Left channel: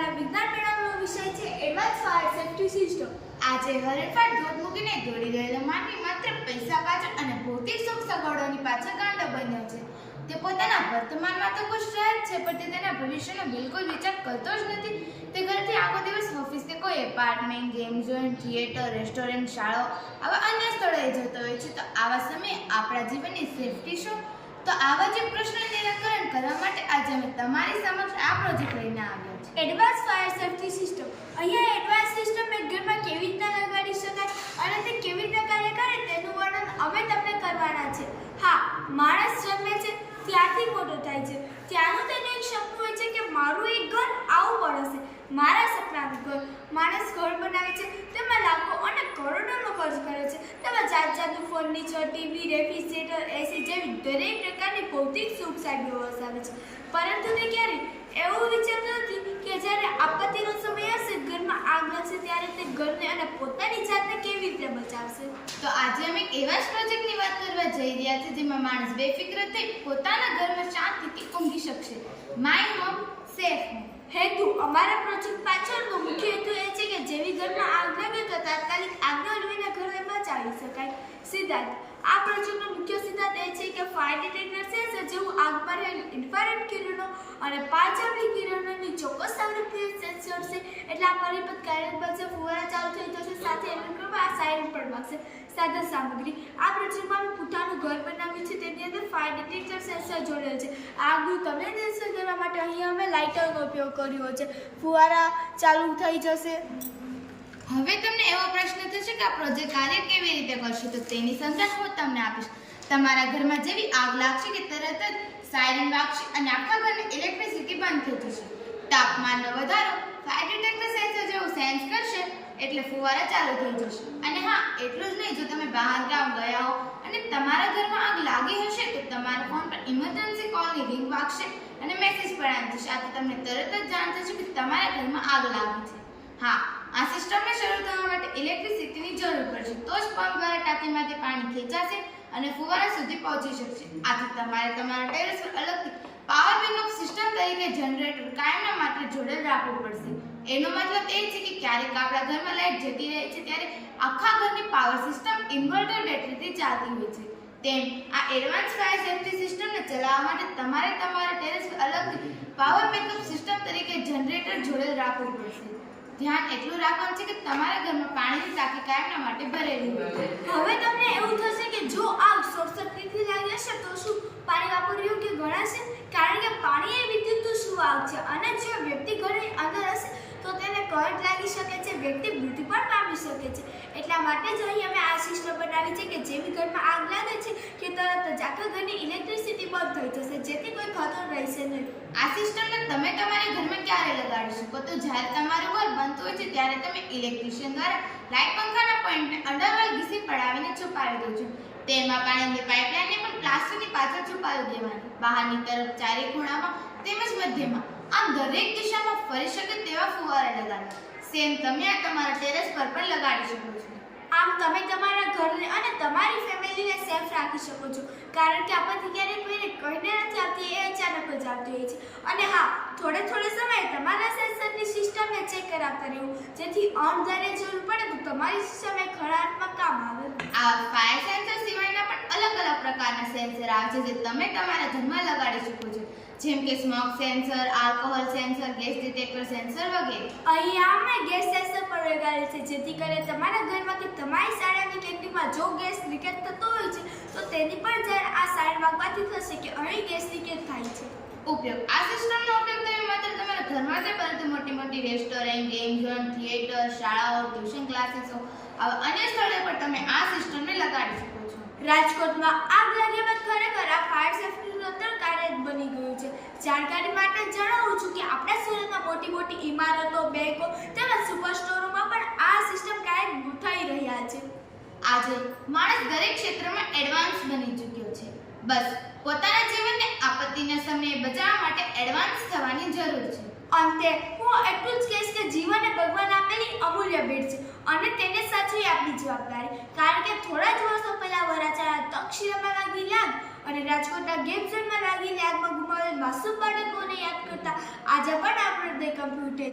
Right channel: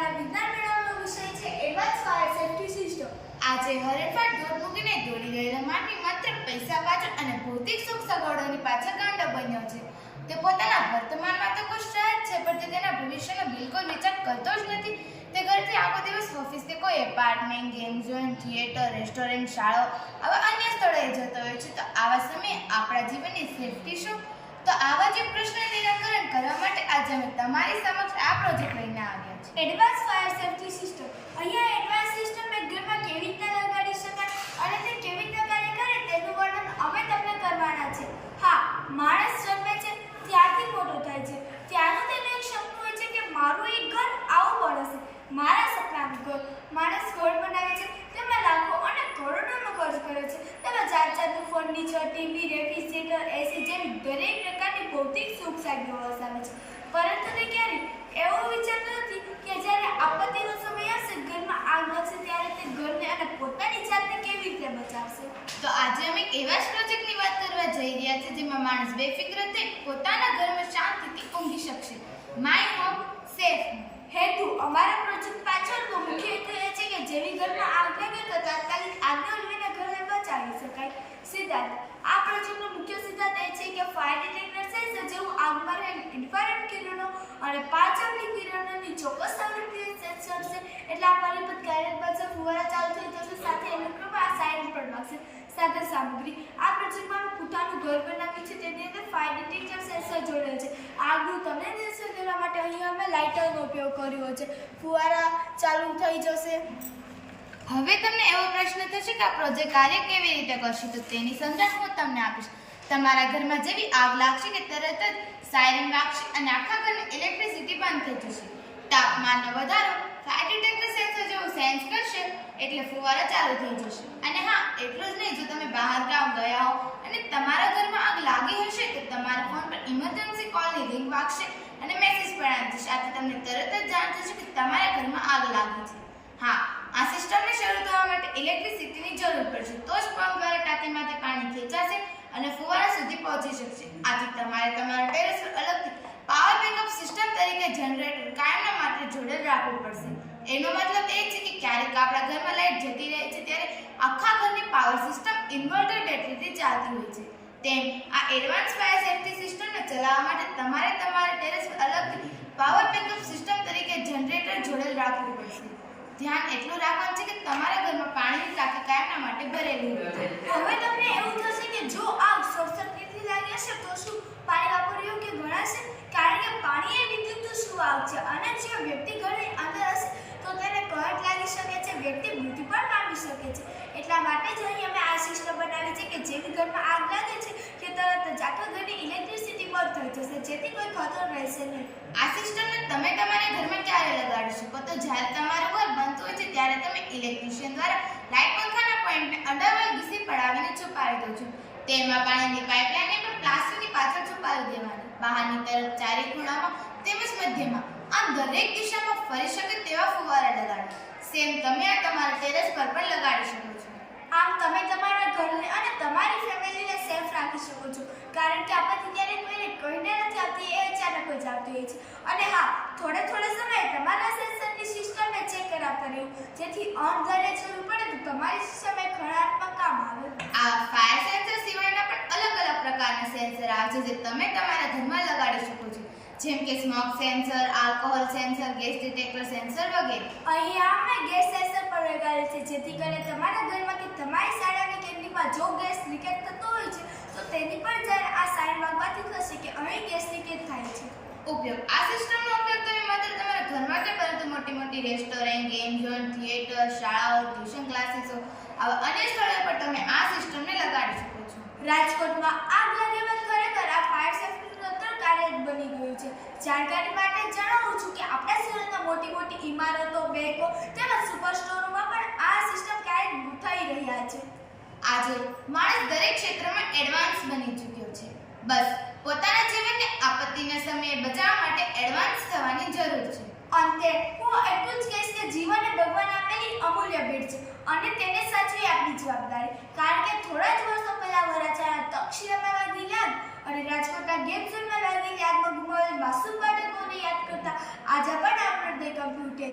અમારા વિજ્ઞાન મેળાનો વિષય છે એડવાન્સ ફાયર સેફ્ટી સિસ્ટમ. આજે હરણફાટ દોડ મૂકીને દોડી રહેલો માનવી માત્ર પૈસા પાછળ અને ભૌતિક સુખ સગવડોની પાછળ ગાંડો બન્યો છે. તે પોતાના વર્તમાનમાં તો ખુશ રહે જ છે, પણ તે તેના ભવિષ્યનો બિલકુલ વિચાર કરતો જ નથી. તે ઘરથી આખો દિવસ ઓફિસ કે કોઈ apartment, game zone, theatre, restaurant, શાળાઓ આવા અન્ય સ્થળોએ જતો હોય છે. તો આવા સમયે આપણા જીવનની સેફ્ટી શું? તો આવા જ પ્રશ્નનું નિરાકરણ કરવા માટે આજે અમે તમારી સમક્ષ આ પ્રોજેક્ટ લઈને આવ્યા છીએ. Advance fire safety system. અહીંયા એડવાન્સ સિસ્ટમ એક ઘરમાં કેવી રીતના લગાડી શકાય અને તે કેવી રીતે કાર્ય કરે તેનું વર્ણન અમે તમને કરવાના છે. હા, માણસ જન્મે છે ત્યારથી મોટો થાય છે ત્યારનું તેને એક સપનું હોય છે કે મારું એક ઘર આવું બનશે, મારા સપનાનું ઘર. માણસ ઘર બનાવે છે, તેમાં લાખો અને કરોડોનો ખર્ચ કરે છે. તેમાં જાત જાતનું ફર્નિચર, ટીવી, રેફ્રિજરેટર, એસી જેવી દરેક પ્રકારની ભૌતિક સુખ સાધનો વસાવે છે. પરંતુ તે ક્યારેય એવું વિચારતો નથી કે જ્યારે આપત્તિનો સમય આવશે, ઘરમાં આગ લાગશે, ત્યારે તે ઘરને અને પોતાની જાતને કેવી રીતે બચાવશે. તો આજે અમે એવા જ પ્રોજેક્ટની વાત કરવા જઈ રહ્યા છીએ જેમાં માણસ બેફિક્ર થઈ પોતાના ઘરમાં શાંતિથી ઊંઘી શકશે. My home safe home. હેતુ અમારા પ્રોજેક્ટ પાછળનો મુખ્ય હેતુ એ છે કે જેવી ઘરમાં આગ લાગે તો તાત્કાલિક આગને ઓલવીને ઘરને બચાવી શકાય. સિદ્ધાંત. આ પ્રોજેક્ટનો મુખ્ય સિદ્ધાંત એ છે કે ફાયર ડિટેક્ટર સેન્સર જેવું આગમાં રહેલ ઇન્ફ્રારેડ કિરણો અને પાંચઆંબલી કિરણોની ચોક્કસ આવૃત્તિએ સેન્સર છે. એટલે આ પરિપથ કાર્યરત બનશે, ફુવારા ચાલુ થઈ જશે, સાથે ઇલેક્ટ્રોમાં આ સાયરન પણ વાગશે. સાધન સામગ્રી. આ પ્રોજેક્ટમાં અમે પોતાનું ઘર બનાવ્યું છે, તેની અંદર ફાયર ડિટેક્ટર સેન્સર જોડેલ છે. આગનું તમને નિરીક્ષણ કરવા માટે અહીંયા અમે લાઇટરનો ઉપયોગ કર્યો છે. ફુવારા ચાલુ થઈ જશે. હવે તમને એવો પ્રશ્ન થશે કે આ પ્રોજેક્ટ કાર્ય કેવી રીતે કરશે, તો તેની સમજણ હું તમને આપીશ. તમારા ઘરમાં જેવી આગ લાગશે કે તરત જ સાયરન વાગશે અને આખા ઘરની ઇલેક્ટ્રિસિટી બંધ થઈ જશે. તાપમાનનો વધારો ફાયર ડિટેક્ટર સેન્સર જેવું સેન્સ કરશે એટલે ફુવારા ચાલુ થઈ જશે. અને હા, એટલું જ નહીં, જો તમે બહાર ગામ ગયા હો અને તમારા ઘરમાં આગ લાગી હશે તો તમારા ફોન પર ઇમરજન્સી કોલની રિંગ વાગશે અને મેસેજ પણ આવી જશે. આથી તમને તરત જ જાણ થશે કે તમારા ઘરમાં આગ લાગી છે. હા, આ સિસ્ટમને શરૂ થવા માટે ઇલેક્ટ્રિસિટીની જરૂર પડશે, તો જ પંપ દ્વારા ટાંકીમાંથી પાણી ખેંચાશે અને ફુવારા સુધી પહોંચી શકશે. આથી તમારે તમારા ટેરેસ પર અલગથી પાવર બેકઅપ સિસ્ટમ તરીકે જનરેટર કાયમના માટે જોડેલ રાખવું પડશે. એનો મતલબ એ છે કે ક્યારેક આપણા ઘરમાં લાઇટ જતી રહે છે ત્યારે આખા ઘરની પાવર સિસ્ટમ ઇન્વર્ટર બેટરીથી ચાલતી હોય છે. તેમ આ એડવાન્સ ફાયર સેફ્ટી સિસ્ટમને ચલાવવા માટે તમારે તમારા ટેરેસ પર અલગથી પાવર બેકઅપ સિસ્ટમ તરીકે જનરેટર જોડેલ રાખવું પડશે. ધ્યાન એટલું રાખવાનું છે કે તમારા ઘરમાં પાણીની ટાંકી કાયમના માટે ભરેલી હોય. હવે તમને એવું થશે કે જો આગ શોર્ટ સર્કિટથી લાગી હશે તો શું પાણી વાપરવું યોગ્ય ગણાશે? કારણ કે પાણી એ વિદ્યુત સુવાહક છે અને જો વ્યક્તિ ઘરની અંદર હશે તો તેને કરંટ લાગી શકે છે, વ્યક્તિ મૃત્યુ પણ પામી શકે છે. એટલા માટે જ અહીં અમે આ સિસ્ટમ બનાવી છે કે જેવી ઘરમાં આગ લાગે છે કે તરત જ આખા ઘરની ઇલેક્ટ્રિસિટી બંધ થઈ જશે, જેથી કોઈ ખતરો રહેશે નહીં. આ સિસ્ટમને તમે તમારા ઘરમાં ક્યારે લગાડી શકો? તો જ્યારે તમારું ઘર બનતું હોય છે ત્યારે તમે ઇલેક્ટ્રિશિયન દ્વારા લાઇટ પંખાના પોઈન્ટને અડરવાલ ઘીસી પડાવીને છુપાવી દો છો. તેમાં પાણીની પાઇપલાઇનને પણ પ્લાસ્ટરની પાછળ છુપાવી દેવાની. બહારની તરફ ચારે ખૂણામાં તેમજ મધ્યમાં આમ દરેક દિશામાં ફરી શકે તેવા ફુવારા લગાડવા. સેમ તમે આ તમારા ટેરેસ પર પણ લગાડી શકો છો. આમ તમે તમારા ઘરને અને તમારી ફેમિલીને સેફ રાખી શકો છો, કારણ કે આપણને ક્યારેક કોઈને કહીને નથી આવતી, એ અચાનક જ આવતી હોય છે. અને હા, થોડે સમયે તમારા સેન્સરની સિસ્ટમને ચેક કરાવતા રહેવું, જેથી અણધારે જરૂર પડે તો તમારી સિસ્ટમ એ ખરાબમાં કામ આવે. આ ફાયર સેન્સર સિવાયના પણ અલગ પ્રકારના સેન્સર આવે છે જે તમે તમારા ઘરમાં લગાડી શકો છો, જેમ કે smoke sensor, alcohol sensor, gas detector sensor વગેરે. અહીંયા અમે ગેસ સેન્સર પણ લગાડે છે, જેથી કરીને તમારા ઘરમાં કે તમારી શાળાની કેન્ટીનમાં જો ગેસ લીકેજ થતો હોય છે તો તેની પણ જ્યારે આ સાઇન વાગવાથી થશે કે અહીં ગેસ લીકેજ થાય છે. ઉપયોગ. આ સિસ્ટમનો ઉપયોગ તમે માત્ર તમારા ઘરમાં જ પરંતુ મોટી રેસ્ટોરન્ટ, ગેમ ઝોન, થિયેટર, શાળાઓ, ટ્યુશન ક્લાસીસો આવા અન્ય સ્થળો પર તમે આ સિસ્ટમને લગાડી શકો છો. રાજકોટમાં આગ લાગ્યા બાદ ખરેખર આ ફાયર સેફ્ટીનું તંત્ર કાર્યરત બની ગયું છે. જાણકારી માટે જણાવું છું કે આપણા શહેરમાં મોટી ઇમારતો, બેંકો તેમજ સુપર સ્ટોરોમાં પણ આ સિસ્ટમ કાર્યરત થઈ રહ્યા છે. આજે માણસ દરેક ક્ષેત્રમાં એડવાન્સ બની ચૂક્યો છે. બસ પોતાના જીવનને આપત્તિના સમયે બચાવવા માટે એડવાન્સ થવાની જરૂર છે. અંતે હું એટલું જ કહીશ કે જીવન એ ભગવાન આપેલી અમૂલ્ય ભેટ છે અને તેને સાચવી આપણી જવાબદારી. કારણ કે થોડા જ વર્ષો પહેલા વરાછાના તક્ષશિલામાં લાગેલી આગ અને રાજકોટના ગેમ ઝોનમાં લાગેલી આગમાં ગુમાવેલ માસૂમ બાળકોને યાદ કરતા આજે પણ આપણે કમ્પ્યુટર